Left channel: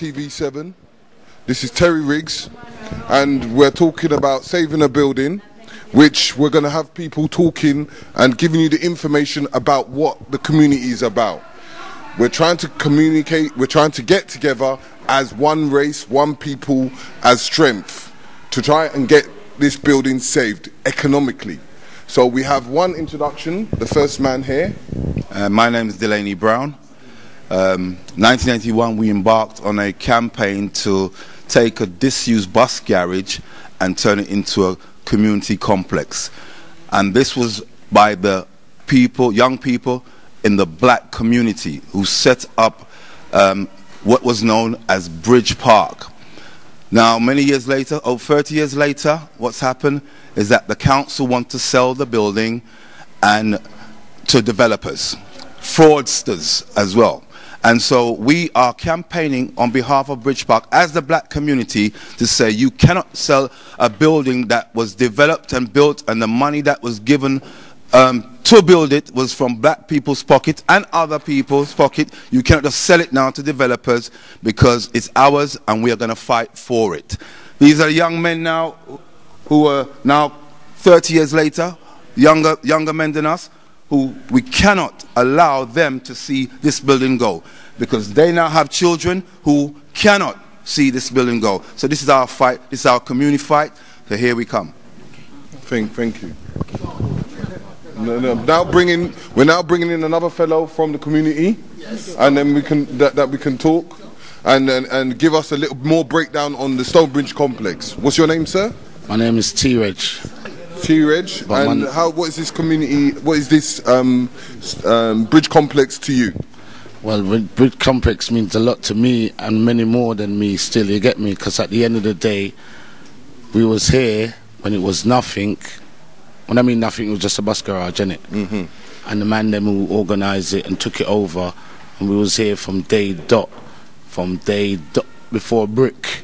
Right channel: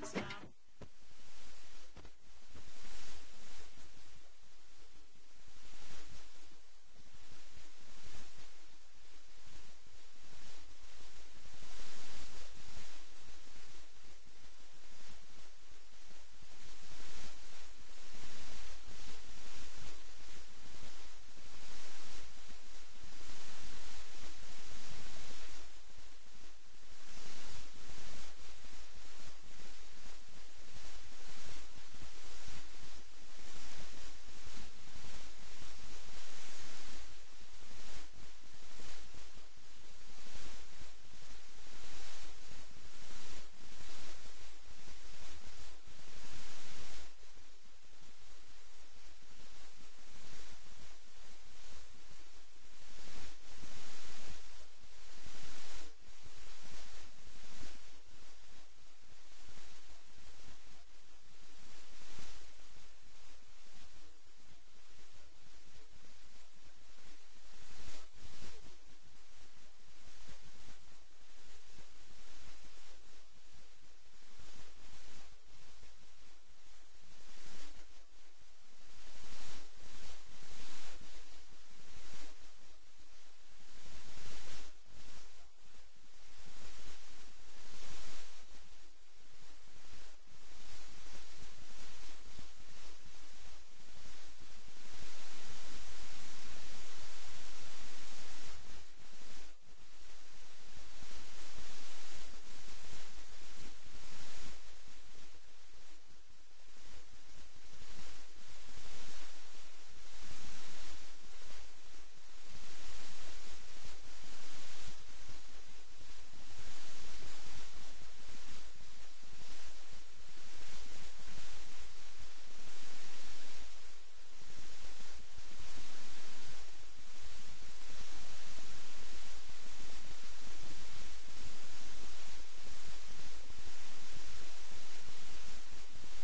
TV7. This is Terry Riggs, and we're talking about saving a building, which we're going to have people talking and giving you the information about what the community is about. We're trying to communicate, we're trying to get together as one race, one people, as strength, to try and get this building saved economically. So we have one introduction, the first man here. My name is Delaney Brown. 1981, we embarked on a campaign to take a disused bus garage and turn it into a community complex. And this was by the people, young people in the black community who set up what was known as Bridge Park. Now, many years later, 30 years later, what's happened is that the council want to sell the building and to developers, fraudsters as well. And so we are campaigning on behalf of Bridge Park as the black community to say you cannot sell a building that was developed and built, and the money that was given to build it was from black people's pocket and other people's pocket. You cannot just sell it now to developers because it's ours and we are going to fight for it. These are young men now who are now 30 years later, younger men than us, who we cannot allow them to see this building go, because they now have children who cannot see this building go. So this is our fight, this is our community fight, so here we come. Thank you. We're now bringing in another fellow from the community, yes. And then we can we can talk and give us a little more breakdown on the Stonebridge complex. What's your name, sir? My name is T-Reg. T-Reg, and what is this community, what is this bridge complex to you? Well, bridge complex means a lot to me and many more than me still, you get me? Because at the end of the day, we was here when it was nothing. When I mean nothing, it was just a bus garage, innit? Mm-hmm. And the man them who organised it and took it over, and we was here from day dot before brick,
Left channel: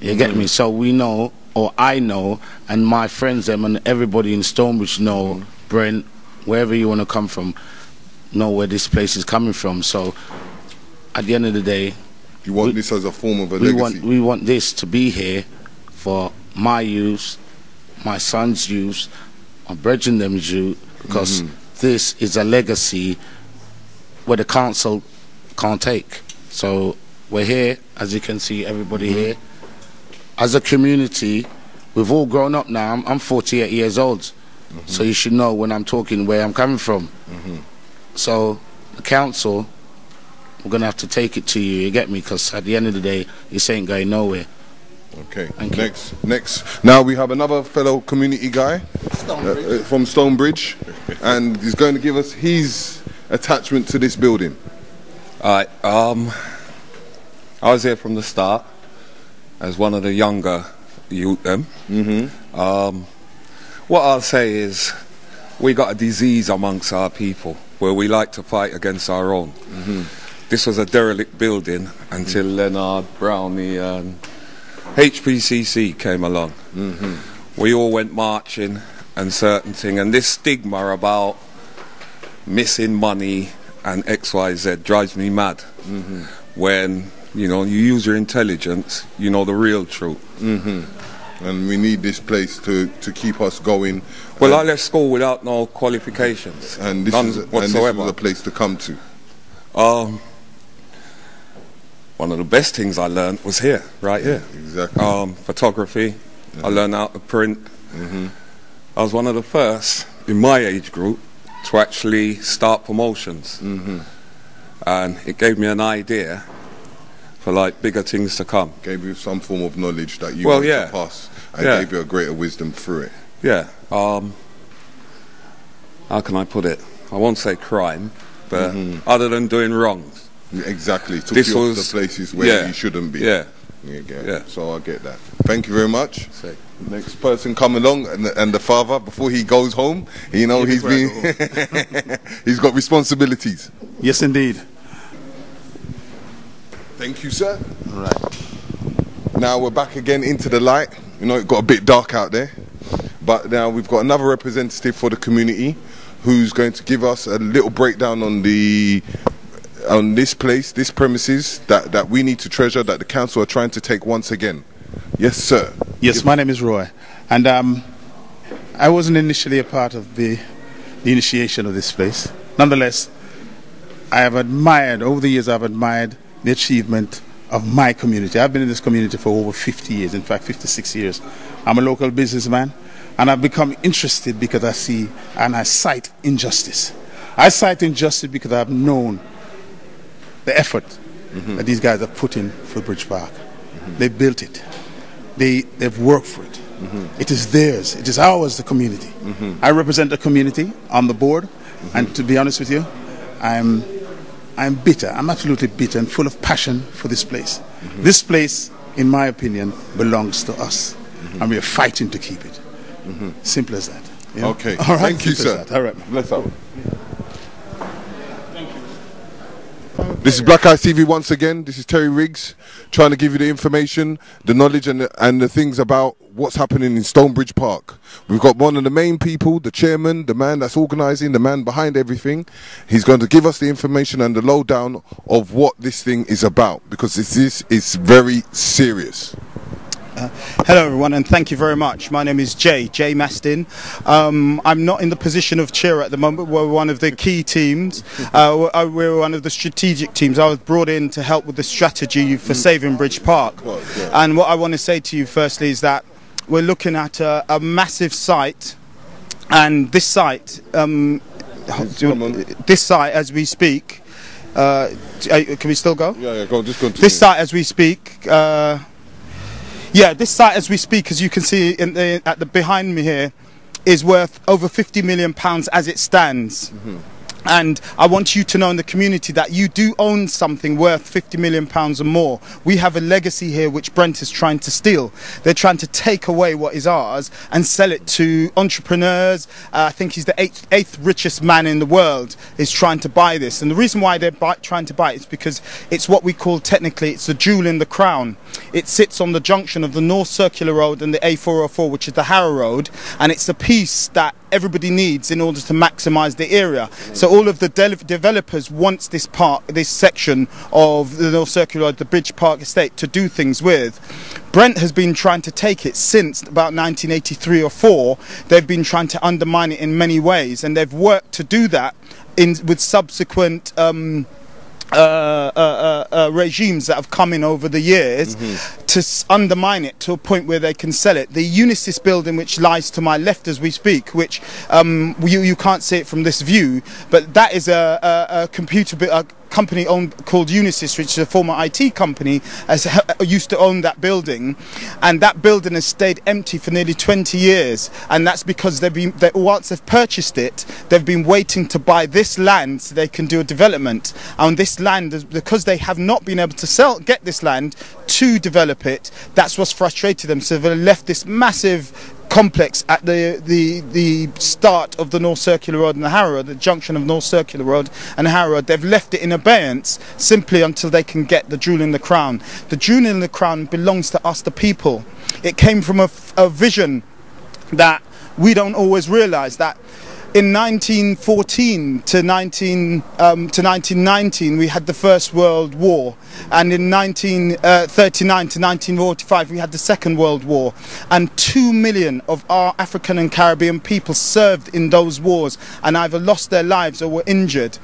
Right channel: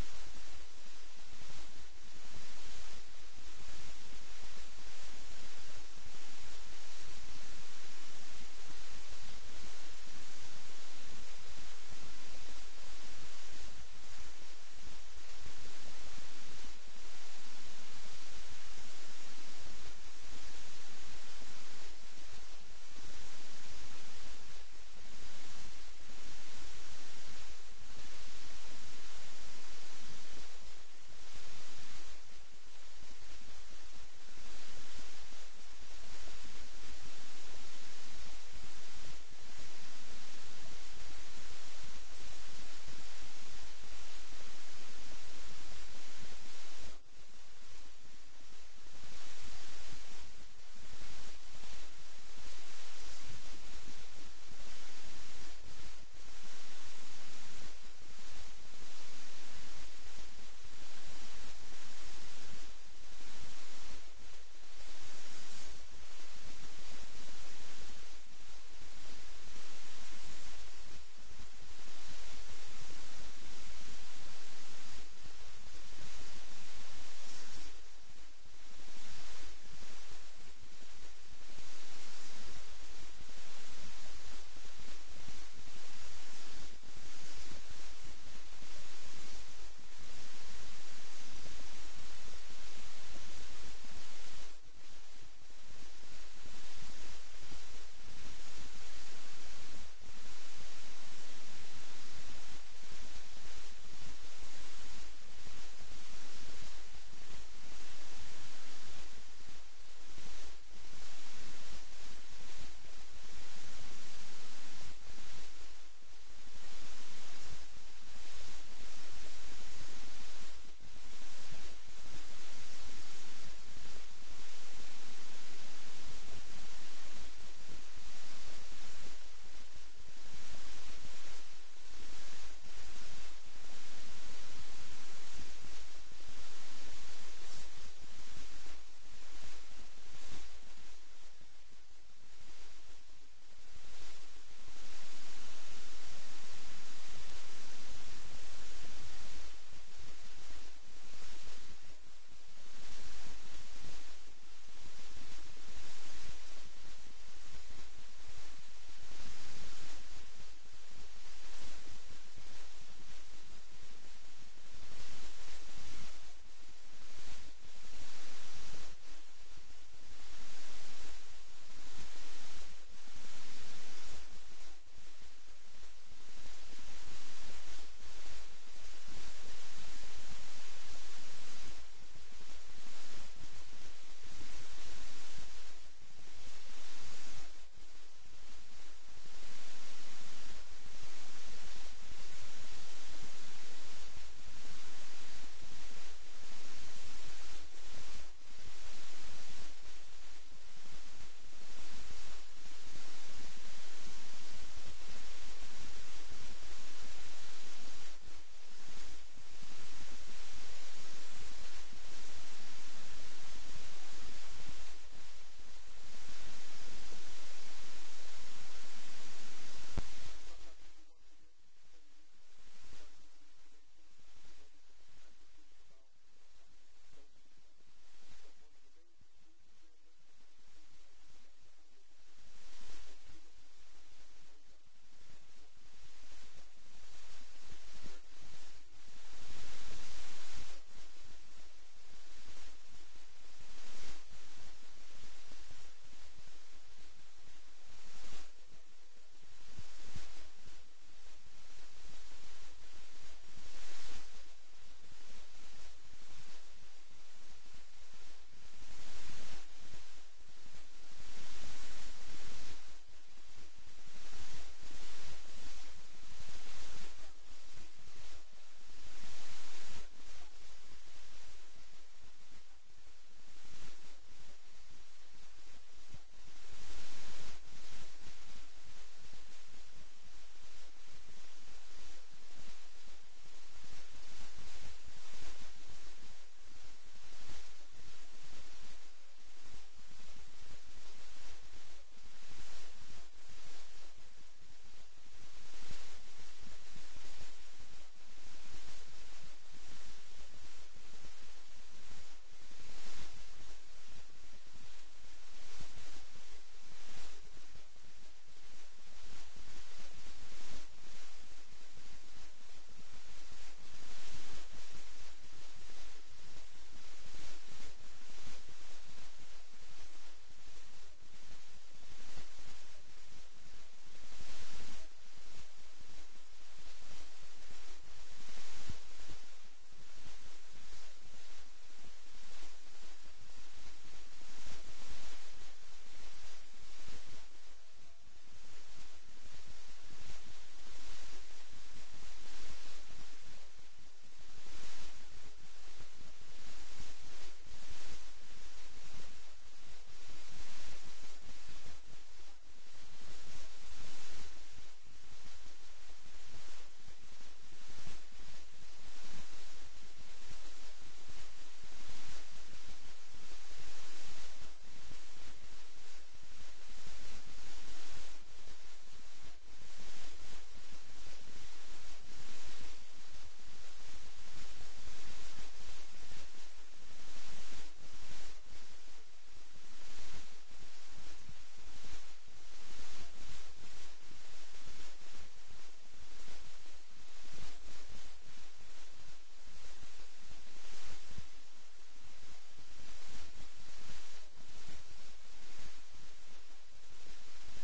you get me? So we know, or I know, and my friends them and everybody in Stonebridge know, Brent, wherever you want to come from, know where this place is coming from. So at the end of the day, you want this as a form of a legacy? We want this to be here for my use, my son's use, my brethren them's use, because this is a legacy where the council can't take. So we're here, as you can see, everybody here. As a community, we've all grown up now. I'm 48 years old, so you should know when I'm talking where I'm coming from. So the council, we're going to have to take it to you get me? Because at the end of the day, this ain't going nowhere. Okay, next. Now we have another fellow community guy from Stonebridge, and he's going to give us his attachment to this building. All right, I was here from the start as one of the younger youth them. What I'll say is we got a disease amongst our people where we like to fight against our own. This was a derelict building until Leonard Brown, the HPCC came along. We all went marching and certain thing, and this stigma about missing money and XYZ drives me mad. When you know, you use your intelligence, you know the real truth. And we need this place to keep us going. Well, I left school without no qualifications, and this none whatsoever. And this was a place to come to. One of the best things I learned was here, right here. Exactly. Photography. I learned how to print. I was one of the first in my age group to actually start promotions, and it gave me an idea for like bigger things to come. Gave you some form of knowledge that you wanted to pass, and gave you a greater wisdom through it. Yeah. How can I put it? I won't say crime, but other than doing wrongs. Exactly. Took you off the places where you shouldn't be. So I get that. Thank you very much. Next person come along, and the father, before he goes home, you know, he's got responsibilities. Yes, indeed. Thank you, sir. All right. Now we're back again into the light. You know, it got a bit dark out there. But now we've got another representative for the community who's going to give us a little breakdown on this place, this premises that we need to treasure, that the council are trying to take once again. Yes, sir. Yes, my name is Roy. And I wasn't initially a part of the initiation of this place. Nonetheless, I have admired, over the years I've admired the achievement of my community. I've been in this community for over 50 years, in fact 56 years. I'm a local businessman, and I've become interested because I see and I cite injustice. I cite injustice because I've known the effort that these guys have put in for Bridge Park. They built it. They've worked for it. It is theirs. It is ours, the community. I represent the community on the board, and to be honest with you, I'm bitter. I'm absolutely bitter and full of passion for this place. This place, in my opinion, belongs to us, and we are fighting to keep it. Simple as that. You know? Okay. All right. Thank you, Simple sir. as that. All right. Let's have it. This is Black Eye TV once again. This is Terry Riggs trying to give you the information, the knowledge and the things about what's happening in Stonebridge Park. We've got one of the main people, the chairman, the man that's organising, the man behind everything. He's going to give us the information and the lowdown of what this thing is about, because this is very serious. Hello everyone, and thank you very much. My name is Jay Mastin. I'm not in the position of chair at the moment. We're one of the key teams. We're one of the strategic teams. I was brought in to help with the strategy for saving Bridge Park. And what I want to say to you firstly is that we're looking at a massive site, and this site, this site as we speak, can we still go? Yeah, go on, just continue. This site as we speak, this site as we speak, as you can see behind me here, is worth over £50 million as it stands. And I want you to know in the community that you do own something worth £50 million or more. We have a legacy here which Brent is trying to steal. They're trying to take away what is ours and sell it to entrepreneurs. I think he's the eighth richest man in the world is trying to buy this. And the reason why they're trying to buy it is because it's what we call technically, it's the jewel in the crown. It sits on the junction of the North Circular Road and the A404, which is the Harrow Road. And it's a piece that everybody needs in order to maximise the area. So all of the developers want this section of the North Circular Road, the Bridge Park estate, to do things with. Brent has been trying to take it since about 1983 or 4. They've been trying to undermine it in many ways, and they've worked to do that with subsequent regimes that have come in over the years to undermine it to a point where they can sell it. The Unisys building, which lies to my left as we speak, which you can't see it from this view, but that is a company called Unisys, which is a former IT company, used to own that building, and that building has stayed empty for nearly 20 years, and that's because once they've purchased it, they've been waiting to buy this land so they can do a development. And this land, because they have not been able to get this land to develop it, that's what's frustrated them. So they've left this massive complex at the start of the North Circular Road and the Harrow Road, the junction of North Circular Road and Harrow Road. They've left it in abeyance simply until they can get the jewel in the crown. The jewel in the crown belongs to us, the people. It came from a vision that we don't always realise, that in 1914 to 1919 we had the First World War, and in 1939 to 1945 we had the Second World War, and 2 million of our African and Caribbean people served in those wars and either lost their lives or were injured.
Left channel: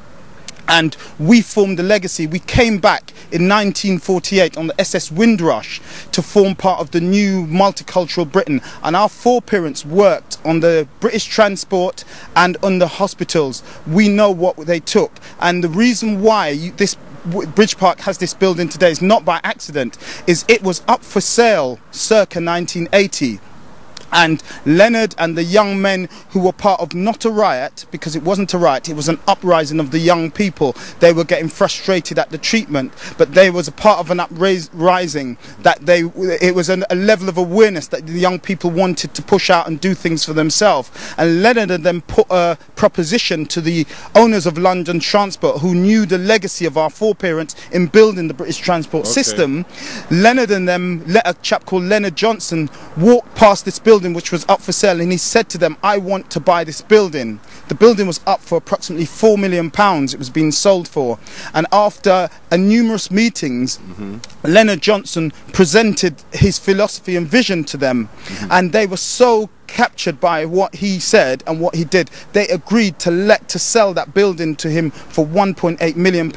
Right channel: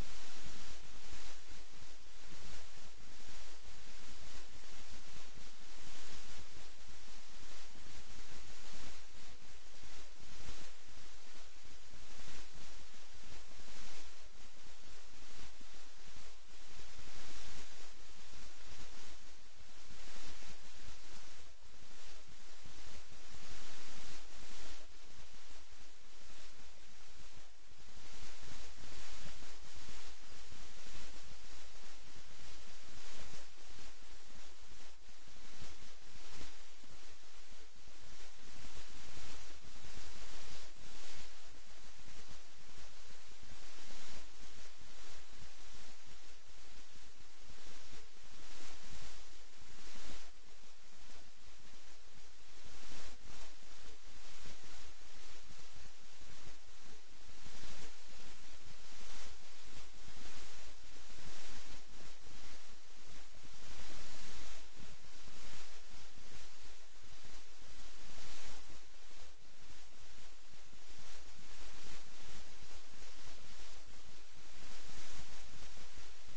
And we formed a legacy. We came back in 1948 on the SS Windrush to form part of the new multicultural Britain. And our foreparents worked on the British transport and on the hospitals. We know what they took. And the reason why this Bridge Park has this building today is not by accident, is it was up for sale circa 1980. And Leonard and the young men who were part of not a riot, because it wasn't a riot, it was an uprising of the young people. They were getting frustrated at the treatment, but there was a part of an uprising that it was a level of awareness that the young people wanted to push out and do things for themselves. And Leonard then put a proposition to the owners of London Transport, who knew the legacy of our foreparents in building the British transport system. Leonard and them, a chap called Leonard Johnson, walked past this building which was up for sale, and he said to them, I want to buy this building. The building was up for approximately £4 million it was being sold for, and after numerous meetings, Leonard Johnson presented his philosophy and vision to them, and they were so captured by what he said and what he did, they agreed to sell that building to him for £1.8 million.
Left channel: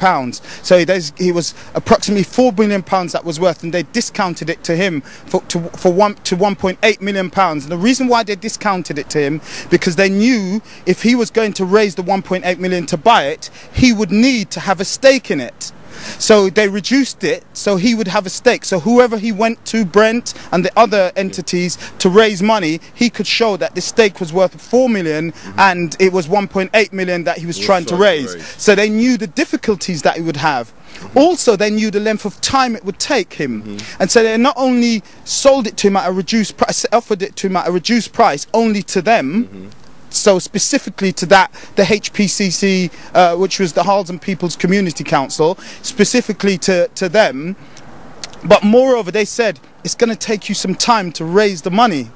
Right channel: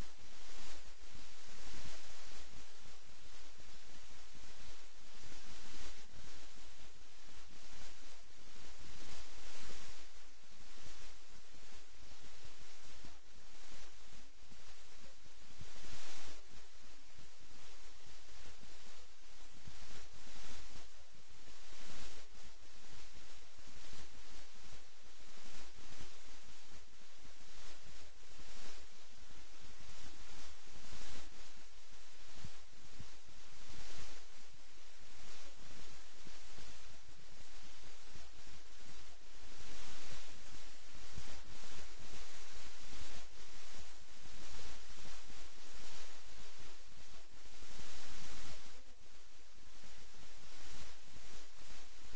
So he was approximately £4 million that was worth, and they discounted it to him to £1.8 million. And the reason why they discounted it to him, because they knew if he was going to raise the £1.8 million to buy it, he would need to have a stake in it. So they reduced it so he would have a stake. So whoever he went to, Brent and the other entities, to raise money, he could show that the stake was worth 4 million and it was 1.8 million that he was trying to raise. So they knew the difficulties that he would have. Also, they knew the length of time it would take him. And so they not only sold it to him at a reduced price, offered it to him at a reduced price only to them, so specifically to that, the HPCC, which was the Harlesden People's Community Council, specifically to them. But moreover, they said, it's going to take you some time to raise the money.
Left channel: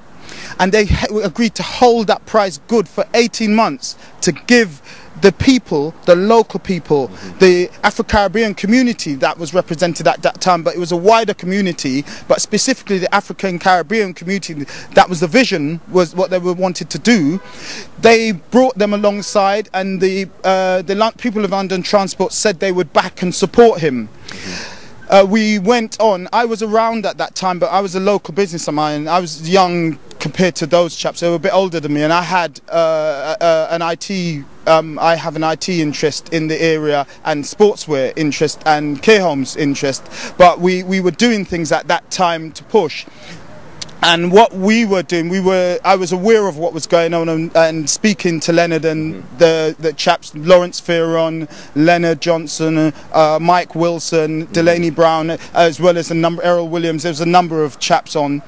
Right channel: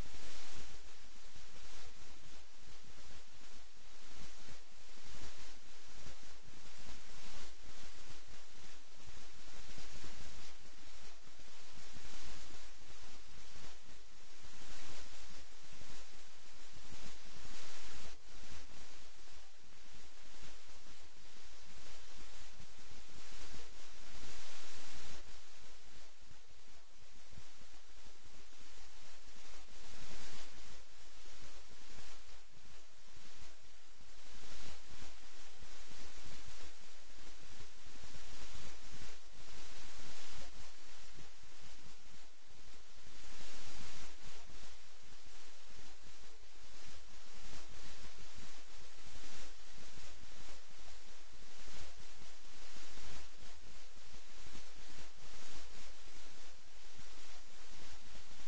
And they agreed to hold that price good for 18 months to give the people, the local people, the Afro-Caribbean community that was represented at that time, but it was a wider community, but specifically the African Caribbean community, that was the vision, was what they were wanted to do. They brought them alongside, and the people of London Transport said they would back and support him. We went on. I was around at that time, but I was a local business of mine. I was young compared to those chaps. They were a bit older than me, and I had an IT. I have an IT interest in the area, and sportswear interest, and care homes interest. But we were doing things at that time to push. And what we were doing, I was aware of what was going on, and speaking to Leonard and the chaps, Lawrence Fearon, Leonard Johnson, Mike Wilson, Delaney Brown, as well as Errol Williams. There was a number of chaps on.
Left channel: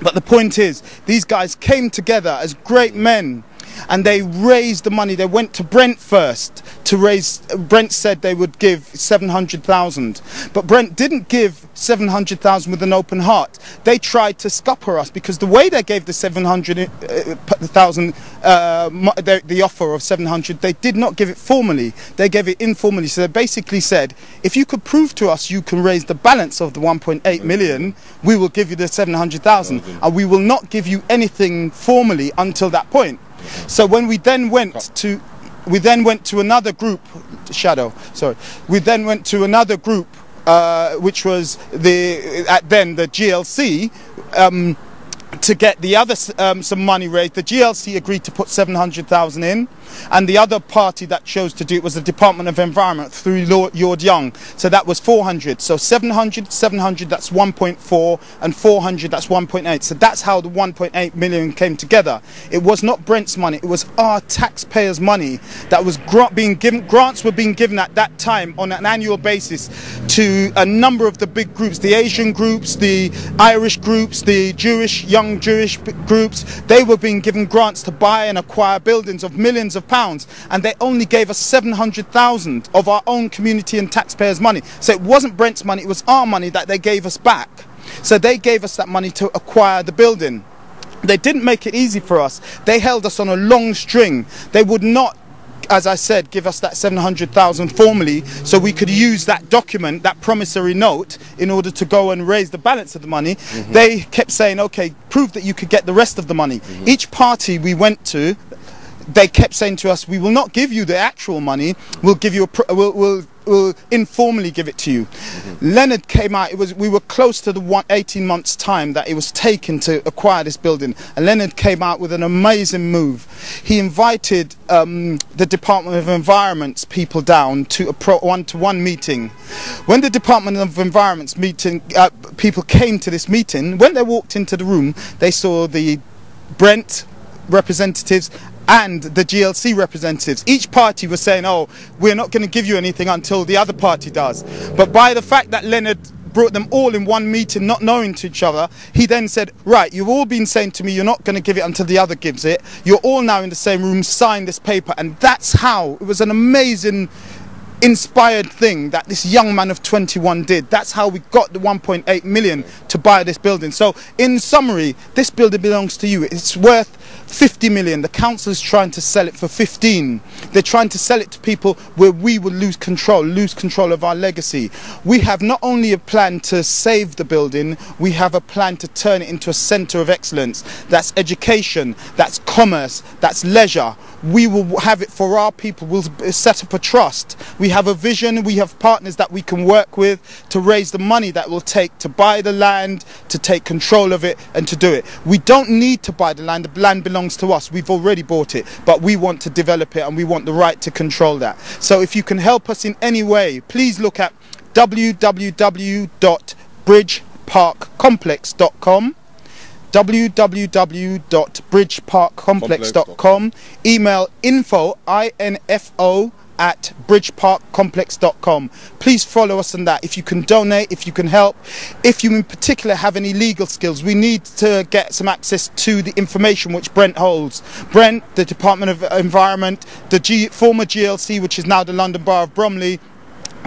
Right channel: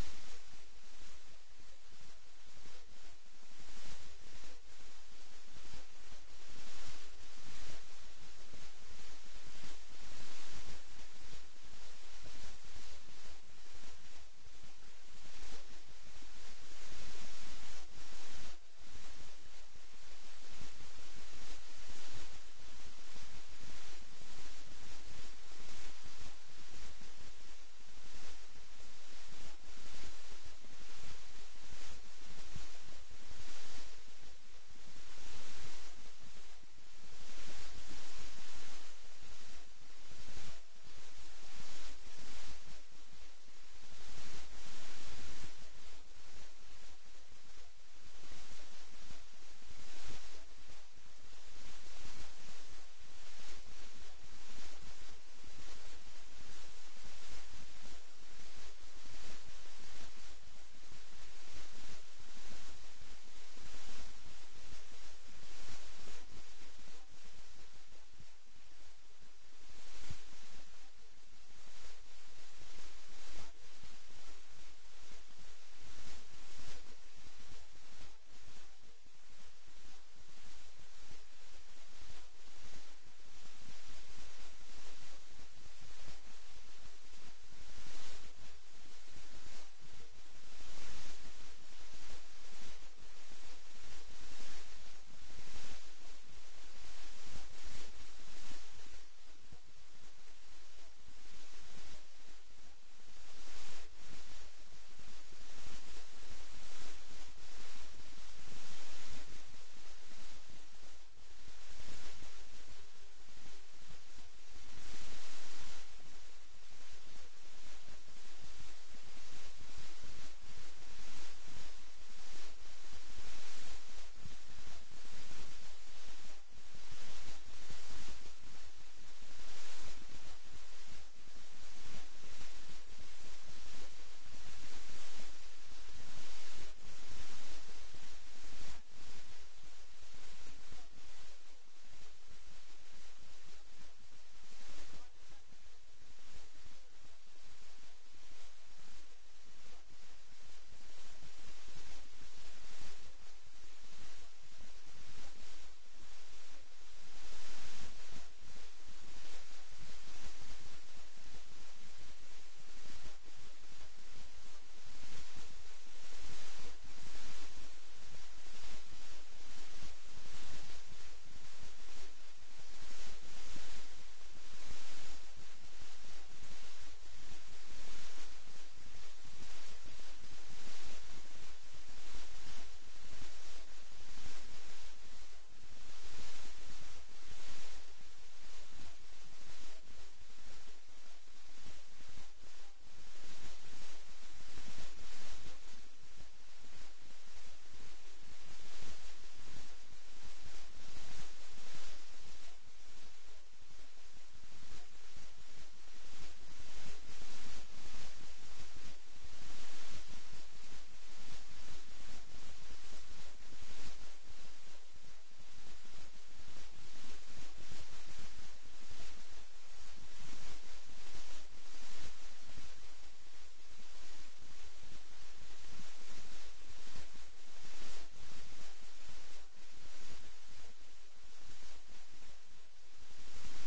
But the point is, these guys came together as great men, and they raised the money. They went to Brent first to raise. Brent said they would give 700,000, but Brent didn't give 700,000 with an open heart. They tried to scupper us, because the way they gave the 700,000, the offer of 700, they did not give it formally. They gave it informally. So they basically said, if you could prove to us you can raise the balance of the 1.8 million, we will give you the 700,000, and we will not give you anything formally until that point. So when we then went to another group, we then went to another group, which was the GLC, to get the other some money raised. The GLC agreed to put 700,000 in, and the other party that chose to do it was the Department of Environment through Lord Young. So that was 400. So 700, that's 1.4, and 400, that's 1.8. So that's how the 1.8 million came together. It was not Brent's money, it was our taxpayers' money that was being given. Grants were being given at that time on an annual basis to a number of the big groups, the Asian groups, the Irish groups, the young Jewish groups. They were being given grants to buy and acquire buildings of millions of pounds, and they only gave us 700,000 of our own community and taxpayers' money. So it wasn't Brent's money, it was our money that they gave us back. So they gave us that money to acquire the building. They didn't make it easy for us. They held us on a long string. They would not, as I said, give us that 700,000 formally, so we could use that document, that promissory note, in order to go and raise the balance of the money. They kept saying, okay, prove that you could get the rest of the money. Each party we went to, they kept saying to us, we will not give you the actual money, we'll give you we'll informally give it to you. Leonard came out, we were close to the 18 months time that it was taken to acquire this building, and Leonard came out with an amazing move. He invited the Department of Environment's people down to a one-to-one meeting. When the Department of Environment's people came to this meeting, when they walked into the room, they saw the Brent representatives and the GLC representatives. Each party was saying, oh, we're not going to give you anything until the other party does. But by the fact that Leonard brought them all in one meeting, not knowing to each other, he then said, right, you've all been saying to me you're not going to give it until the other gives it. You're all now in the same room, sign this paper. And that's how, it was an amazing, inspired thing that this young man of 21 did. That's how we got the 1.8 million to buy this building. So in summary, this building belongs to you. It's worth 50 million. The council is trying to sell it for 15. They're trying to sell it to people where we will lose control of our legacy. We have not only a plan to save the building, we have a plan to turn it into a centre of excellence. That's education, that's commerce, that's leisure. We will have it for our people. We'll set up a trust. We have a vision. We have partners that we can work with to raise the money that will take to buy the land, to take control of it and to do it. We don't need to buy the land. The land belongs to us. We've already bought it, but we want to develop it and we want the right to control that. So if you can help us in any way, please look at www.bridgeparkcomplex.com, www.bridgeparkcomplex.com, email info at bridgeparkcomplex.com. Please follow us on that. If you can donate, if you can help, if you in particular have any legal skills, we need to get some access to the information which Brent holds. Brent, the Department of Environment, the former GLC, which is now the London Borough of Bromley,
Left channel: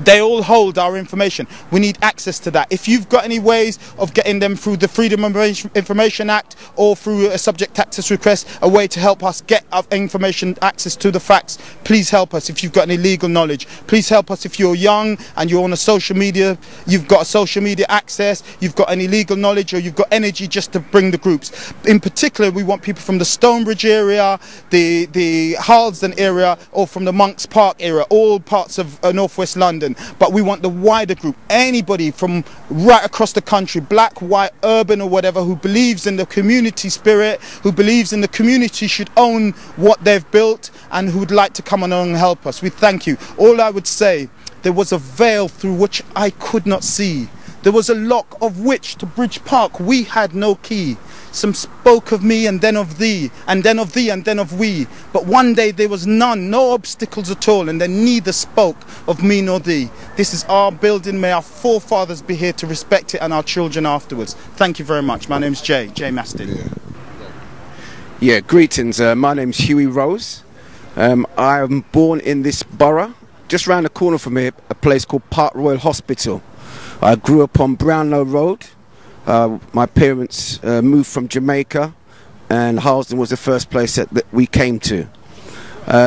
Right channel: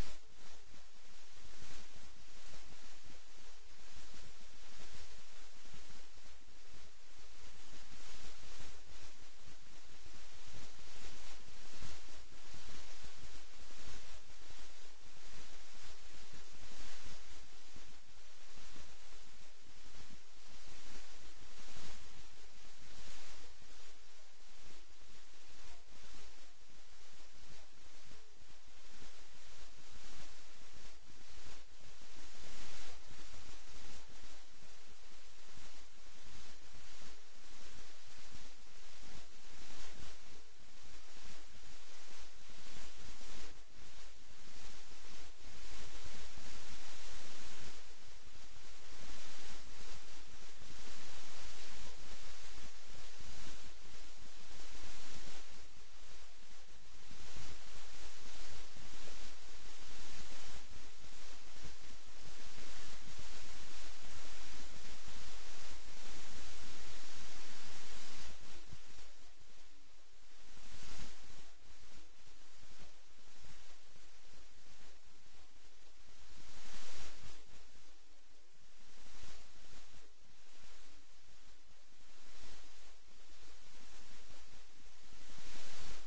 they all hold our information. We need access to that. If you've got any ways of getting them through the Freedom of Information Act or through a subject access request, a way to help us get our information, access to the facts, please help us. If you've got any legal knowledge, please help us. If you're young and you're on a social media, you've got a social media access, you've got any legal knowledge or you've got energy just to bring the groups. In particular, we want people from the Stonebridge area, the Harlesden area or from the Monks Park area, all parts of northwest London. But we want the wider group, anybody from right across the country, black, white, urban or whatever, who believes in the community spirit, who believes in the community should own what they've built and who would like to come along and help us. We thank you. All I would say, there was a veil through which I could not see. There was a lock of which to Bridge Park we had no key. Some spoke of me and then of thee, and then of thee and then of we. But one day there was none, no obstacles at all, and then neither spoke of me nor thee. This is our building. May our forefathers be here to respect it and our children afterwards. Thank you very much. My name's Jay Mastin. Yeah, greetings. My name's Huey Rose. I am born in this borough, just round the corner from here, a place called Park Royal Hospital. I grew up on Brownlow Road. My parents moved from Jamaica, and Harlesden was the first place that we came to.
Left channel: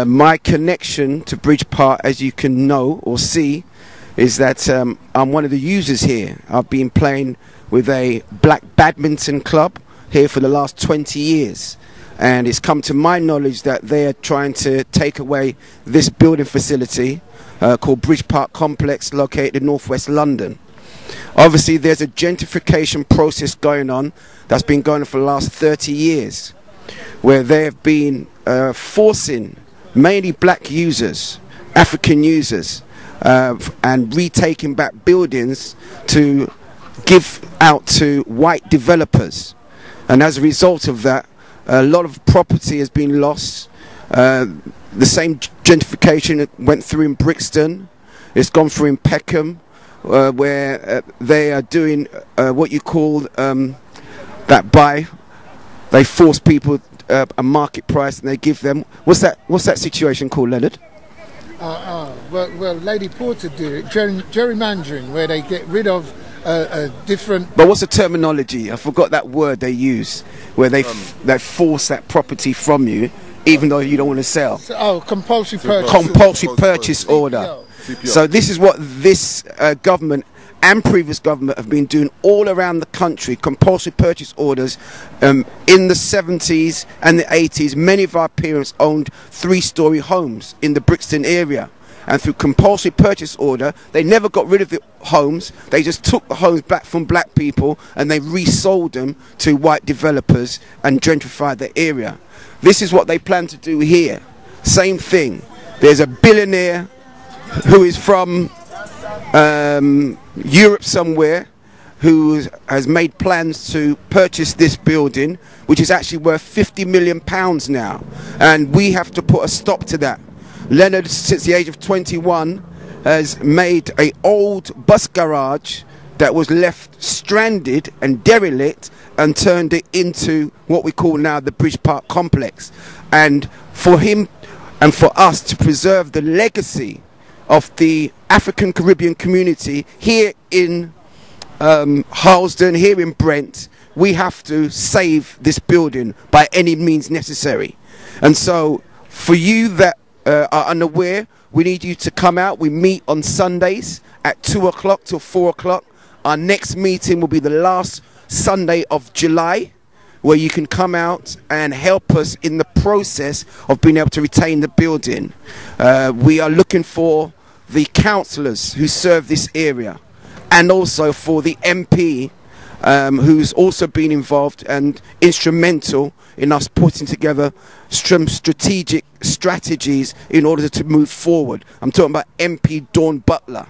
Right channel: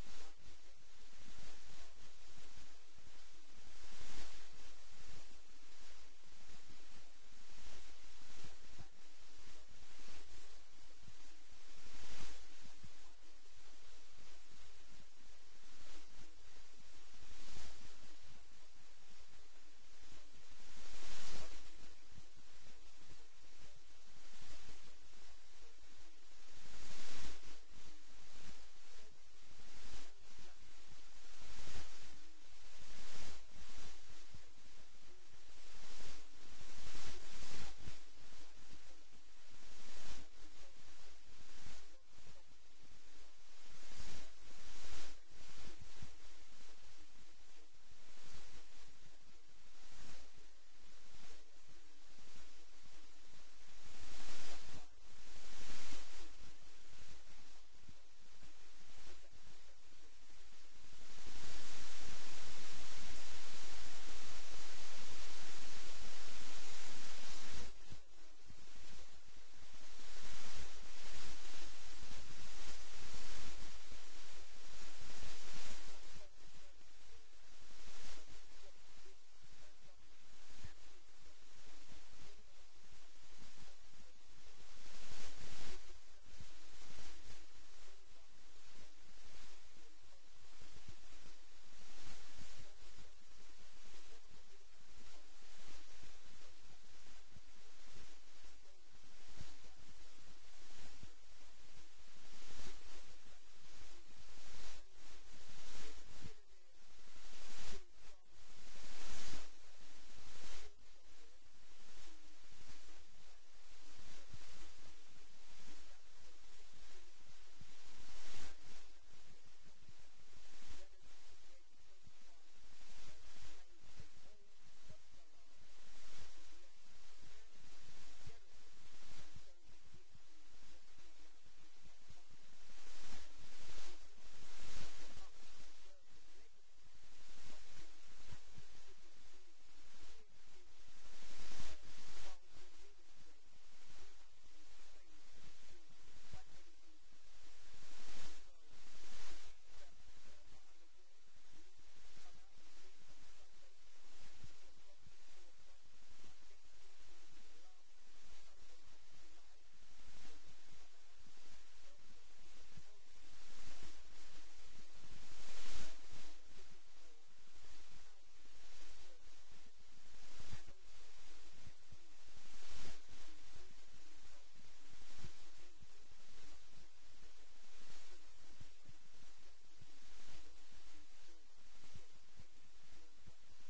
My connection to Bridge Park, as you can know or see, is that I'm one of the users here. I've been playing with a black badminton club here for the last 20 years. And it's come to my knowledge that they are trying to take away this building facility called Bridge Park Complex, located in northwest London. Obviously, there's a gentrification process going on that's been going on for the last 30 years, where they have been forcing mainly black users, African users, and retaking back buildings to give out to white developers. And as a result of that, a lot of property has been lost. The same gentrification went through in Brixton. It's gone through in Peckham, where they are doing what you call that they force people a market price and they give them. What's that situation called, Leonard? Well, Lady Porter do it, gerrymandering, where they get rid of different. But what's the terminology? I forgot that word they use, where they force that property from you, even though you don't want to sell. Compulsory purchase. Compulsory purchase order. CPO. So this is what this government and previous government have been doing all around the country. Compulsory purchase orders. In the 70s and the 80s, many of our parents owned 3-story homes in the Brixton area. And through compulsory purchase order, they never got rid of the homes. They just took the homes back from black people and they resold them to white developers and gentrified the area. This is what they plan to do here. Same thing. There's a billionaire who is from Europe somewhere, who has made plans to purchase this building, which is actually worth £50 million now, and we have to put a stop to that. Leonard, since the age of 21, has made an old bus garage that was left stranded and derelict and turned it into what we call now the Bridge Park complex. And for him and for us to preserve the legacy of the African Caribbean community here in Harlesden, here in Brent, we have to save this building by any means necessary. And so for you that are unaware, we need you to come out. We meet on Sundays at 2 o'clock till 4 o'clock. Our next meeting will be the last Sunday of July, where you can come out and help us in the process of being able to retain the building. We are looking for the councillors who serve this area, and also for the MP who's also been involved and instrumental in us putting together some strategic strategies in order to move forward. I'm talking about MP Dawn Butler.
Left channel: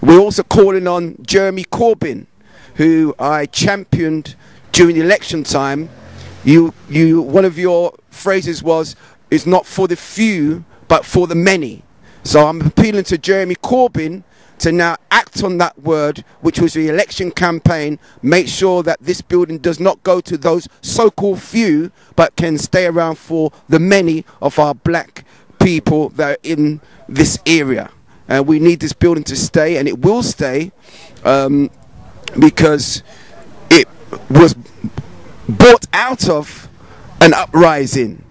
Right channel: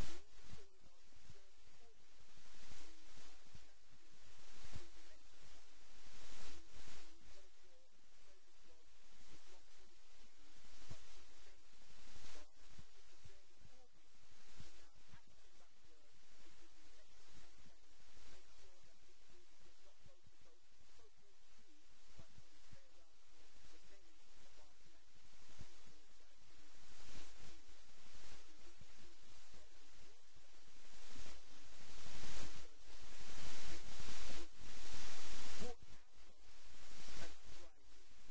We're also calling on Jeremy Corbyn, who I championed during the election time. One of your phrases was, "It's not for the few, but for the many." So I'm appealing to Jeremy Corbyn to now act on that word, which was the election campaign. Make sure that this building does not go to those so-called few, but can stay around for the many of our black people that are in this area. And we need this building to stay, and it will stay, because it was bought out of an uprising,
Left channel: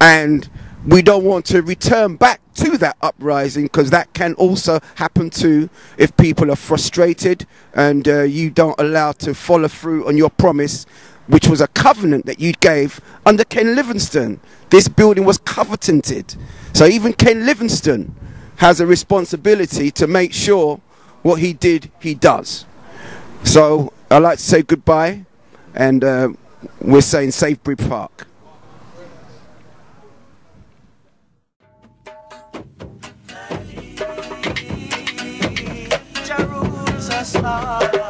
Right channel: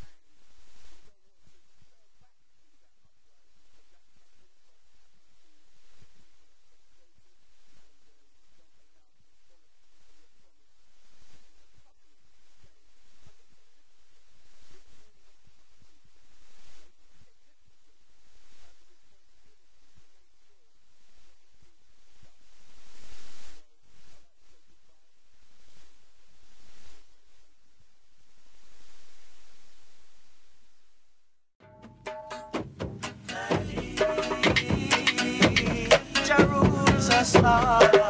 and we don't want to return back to that uprising, because that can also happen too if people are frustrated and you don't allow to follow through on your promise, which was a covenant that you gave under Ken Livingstone. This building was covenanted, so even Ken Livingstone has a responsibility to make sure what he did, he does. So I'd like to say goodbye, and we're saying save Bridge Park. Jerusalem.